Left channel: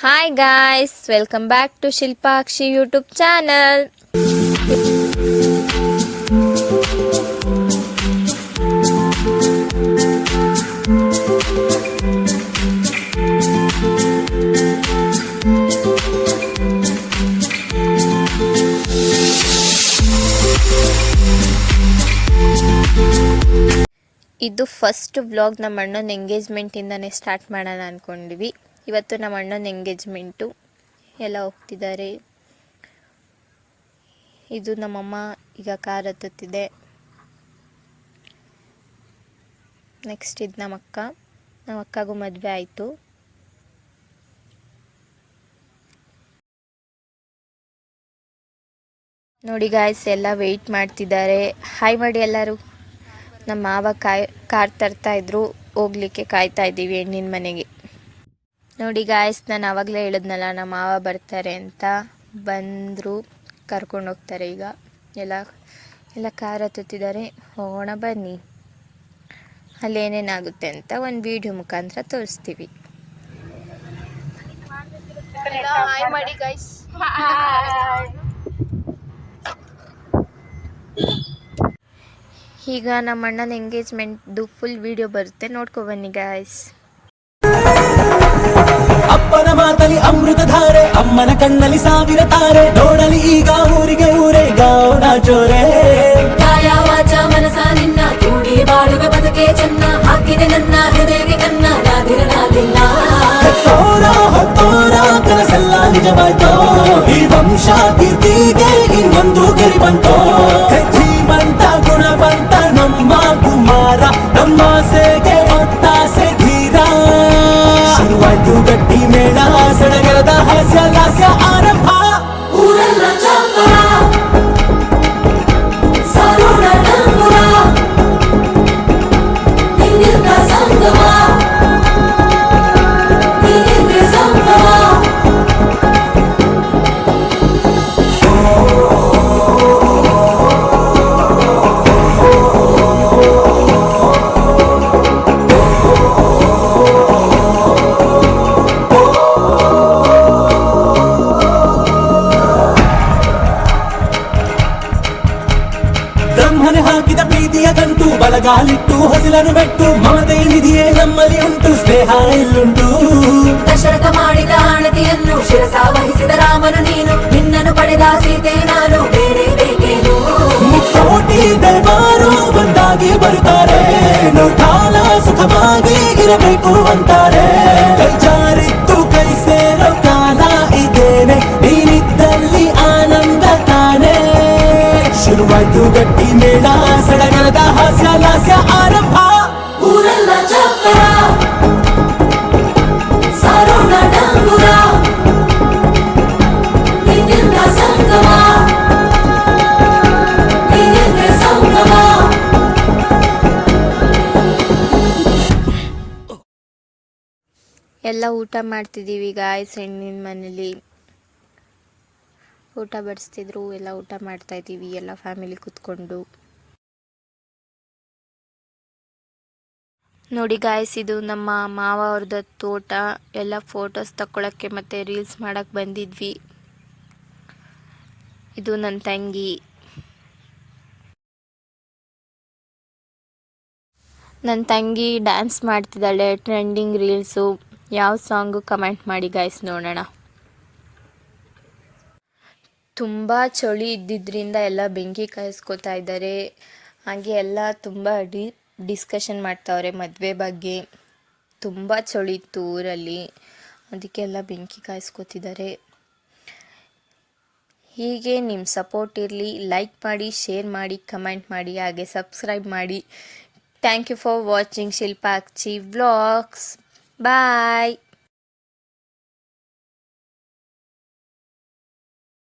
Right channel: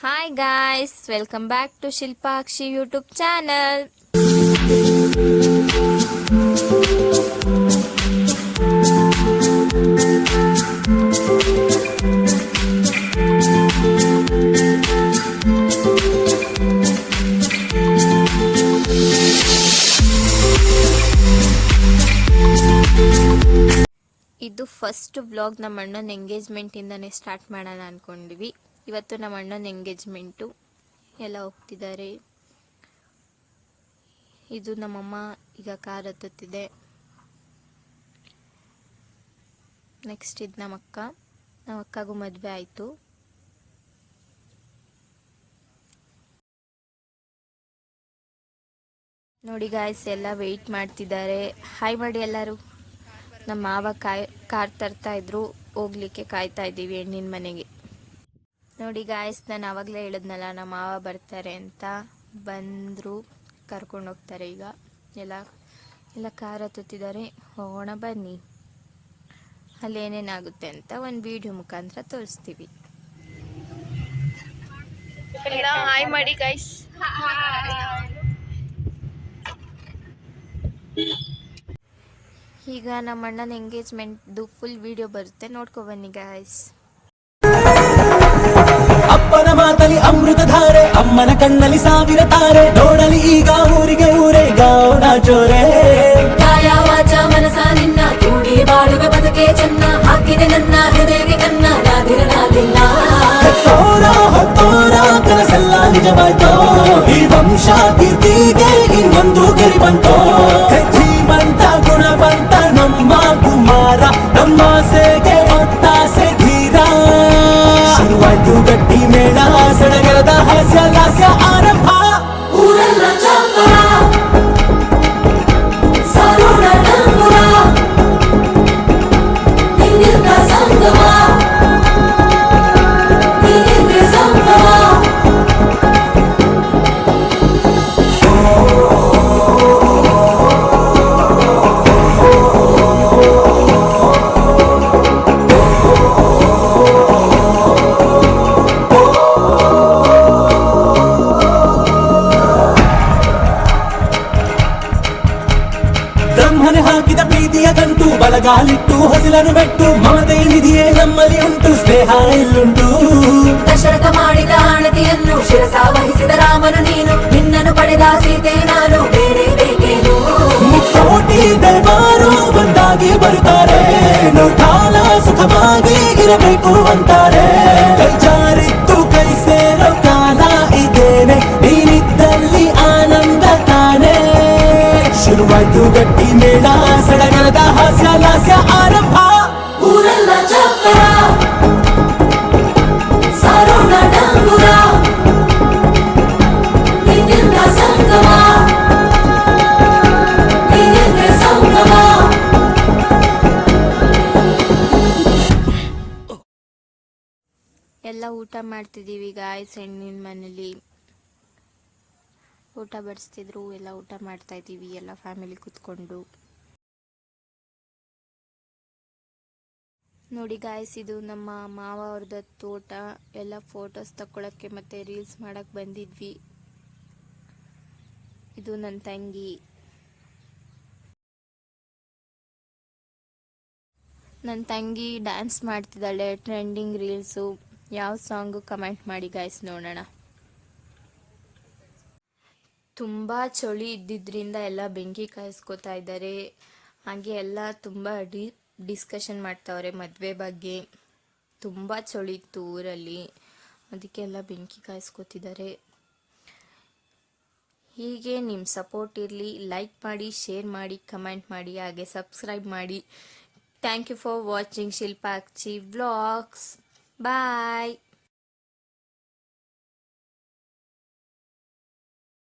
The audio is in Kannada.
Hi guys, welcome back to Shilpakshi YouTube channel. ಇದು ಫಸ್ಟ್ ವ್ಲಾಗ್ ನಮ್ಮ ಅಣ್ಣನ ಎಂಗೇಜ್ಮೆಂಟಿಂದನೇ ಸ್ಟಾರ್ಟ್ ಮಾಡೋಣ ಅಂದ್ಕೊಂಡಿವಿ. ಇವತ್ತು ನಮ್ಮ ಅಣ್ಣನ ಎಂಗೇಜ್ಮೆಂಟು ಎಲ್ಲ ಹೋಗ್ತಿದ್ದಾರೆ. ಇದು ನಮ್ಮಮ್ಮ ಈಗ ಕಾರ್ ಹತ್ತುತ್ತಿದೆ. ನೆಕ್ಸ್ಟ್ ಇದು ನಮ್ಮ ಅಕ್ಕಗೂ ಮದುವೆ ಆಯಿತು. ನೋಡಿ ಗಾಯ್ಸ್, ಎಲ್ಲ ವೆಯ್ಟ್ ಮಾಡ್ತಿದ್ದಾರೆ. ಹಾಯ್ ಮಾಡಿ ಎಲ್ಲರೂ. ನಮ್ಮ ಮಾವ ಕಾರ್ ತರ್ತಾ ಇದ್ರು, ಹೋಗ್ಲಿಕ್ಕೆ ಕಾಯ್ತಾ ಇದ್ದೀವಿ ಹೆಣ್ಣಿನ ಮನೆಗೆ. ನೋಡಿ ಗಾಯ್ಸ್, ನಾನು ಆವಾಗಲೇ ಹೇಳಿದ್ನಲ್ಲ ನಮ್ಮ ಮಾವ ಬರ್ತಾರೆ ಅಂತ. ಬಂದರು, ಕರ್ಕೊಂಡು ಹೋಗ್ತಾರೆ. ಈಗ ಎಲ್ಲ ಕಾರ್ ಹತ್ತುತ್ತಿದ್ದಾರೆ. ಹೋಗೋಣ ಬನ್ನಿ, ಅಲ್ಲೇನೇನಾಗುತ್ತೆ ಅಂತ ಒಂದು ವಿಡಿಯೋ ಮುಖಾಂತರ ತೋರಿಸ್ತೀವಿ. ಹಾಯ್ ಮಾಡಿ ಗಾಯ್ಸ್. ಈಗ ನಮ್ಮ ಅಣ್ಣನ ಎಂಗೇಜ್ಮೆಂಟ್ದು ಫುಲ್ ವಿಡಿಯೋ ಬರುತ್ತೆ, ನೋಡ್ಕೊ ಬನ್ನಿ ಗಾಯ್ಸ್. ಅಪ್ಪನ ಮಾತಲಿ ಅಮೃತ ಧಾರೆ, ಅಮ್ಮನ ಕಣ್ಣಲ್ಲಿ ಸಾವಿರ ತಾರೆ. ನೋಡಲಿ ಈಗ ಊರಿಗೆ ಊರೇ ಗಾವನ ಜೋರೆ. ಕಾಯ ವಾಚ ಮನಸ ನಿನ್ನ ಕೂಡಿ ಬಾಳುವೆ ಬದುಕೆ ಚೆನ್ನ. ಹಾಕಿದೆ ನನ್ನ ಹೃದಯಕ್ಕೆ ಕನ್ನ, ನಾದಿರನಾದಿಲ್ಲ. ಹೊತ್ತೋರ ಕನಸೆಲ್ಲ ನಿಜವಾಯ್ತೋ. ಈ ವಂಶ ಕೀರ್ತಿಗೆ ಇನ್ನೊಂದು ಗೆರಿ ಬಂತೋ. ಧೀಮಂತ ಗುಣವಂತ ನಮ್ಮ ಕುಮಾರ, ನಮ್ಮ ಸೇಗೆ ಒತ್ತಾಸೆ ಧೀರ. ಶುರುವಾಯ್ತು ಗಟ್ಟಿ ಮೇಳ, ಸಡಗರದ ಹಾಸ್ಯ ಲಾಸ್ಯ ಆರಂಭ. ಊರೆಲ್ಲ ಚಾಪರ, ಸಾರೋಣ ನಂಬುರ, ಹಿಂದಿನ ಸಂಗಮ, ಹಿಂದಿನ ಸಂಗಮ. ಬ್ರಹ್ಮನೆ ಹಾಕಿದ ಪ್ರೀತಿಯ ಗಂಟು, ಬಲಗಾಲಿಟ್ಟು ಹೊಸಲನ್ನು ಬೆಟ್ಟು. ಮಮತೆ ನಿಧಿಯೇ ನಮ್ಮಲ್ಲಿ ಉಂಟು, ಸ್ನೇಹ ಇಲ್ಲುಂಟು. ದಶರಥ ಮಾಡಿದ ಆಣತಿಯನ್ನು ಶಿರಸ ವಹಿಸಿದ ರಾಮನು ನೀನು. ನಿನ್ನನ್ನು ಪಡೆದ ಸೀತೆ ನಾನು, ಬೇರೆ ಬೇಕೇನು. ಮುಕ್ಕೋಟಿ ದೈವಾರು ಒಂದಾಗಿ ಬರುತ್ತಾರೆ. ಕಾಲ ಸುಖವಾಗಿ ಇರಬೇಕು ಅಂತಾರೆ. ಕೈ ಜಾರಿತ್ತು ಕೈ ಸೇರೋ ಕಾಲ ಇದೇನೆ, ನೀನಿದ್ದಲ್ಲಿ ಆನಂದ ತಾನೇ. ಶುರುವಾಯ್ತು ಗಟ್ಟಿ ಮೇಳ, ಸಡಗರದ ಹಾಸ್ಯ ಲಾಸ್ಯ ಆರಂಭ. ಊರೆಲ್ಲ ಚಪ್ಪರ, ಸಾರೋಣ ಡಂಗುರ, ಹಿಂದಿನ ಸಂಗಮ, ಹಿಂದಿನ ಸಂಗಮ. ಎಲ್ಲ ಊಟ ಮಾಡ್ತಿದ್ದೀವಿ ಗಾಯ್ಸ್. ಹೆಣ್ಣಿನ ಮನೇಲಿ ಊಟ ಬಡಿಸ್ತಿದ್ರು, ಎಲ್ಲ ಊಟ ಮಾಡ್ತಾ ಇದ್ದೀವಿ ಎಲ್ಲ ಫ್ಯಾಮಿಲಿ ಕೂತ್ಕೊಂಡು. ನೋಡಿ ಗಾಯ್ಸ್, ಇದು ನಮ್ಮ ಮಾವ ಅವ್ರದ್ದು ತೋಟ. ಎಲ್ಲ ಫೋಟೋಸ್ ತಗೊಳಕ್ಕೆ ಮತ್ತು ರೀಲ್ಸ್ ಮಾಡೋಕ್ಕೆ ಬಂದಿದ್ವಿ. ಇದು ನನ್ನ ತಂಗಿ. ನನ್ನ ತಂಗಿ ಡ್ಯಾನ್ಸ್ ಮಾಡ್ತಿದ್ದಾಳೆ, ಟ್ರೆಂಡಿಂಗ್ ರೀಲ್ಸು. ಯಾವ ಸಾಂಗು ಕಮೆಂಟ್ ಮಾಡಿ ಗಾಯ್ಸ್, ನೋಡೋಣ. ತುಂಬ ಚಳಿ ಇದ್ದಿದ್ದರಿಂದ ಎಲ್ಲ ಬೆಂಕಿ ಕಾಯಿಸ್ಕೊತಾ ಇದ್ದಾರೆ. ಹಾಗೆ ಎಲ್ಲ ತುಂಬ ಡಿಸ್ಕಷನ್ ಮಾಡ್ತಾವ್ರೆ ಮದುವೆ ಬಗ್ಗೆ. ತುಂಬ ಚಳಿ ಇತ್ತು ಊರಲ್ಲಿ, ಅದಕ್ಕೆಲ್ಲ ಬೆಂಕಿ ಕಾಯಿಸ್ಕೊತಿದ್ದಾರೆ. ಹೀಗೆ ನಿಮ್ಮ ಸಪೋರ್ಟ್ ಇರಲಿ. ಲೈಕ್ ಮಾಡಿ, ಶೇರ್ ಮಾಡಿ, ಕಮೆಂಟ್ ಮಾಡಿ, ಹಾಗೆ ಸಬ್ಸ್ಕ್ರೈಬ್ ಮಾಡಿ. Thank you for watching Shilpakshi vlogs. Bye.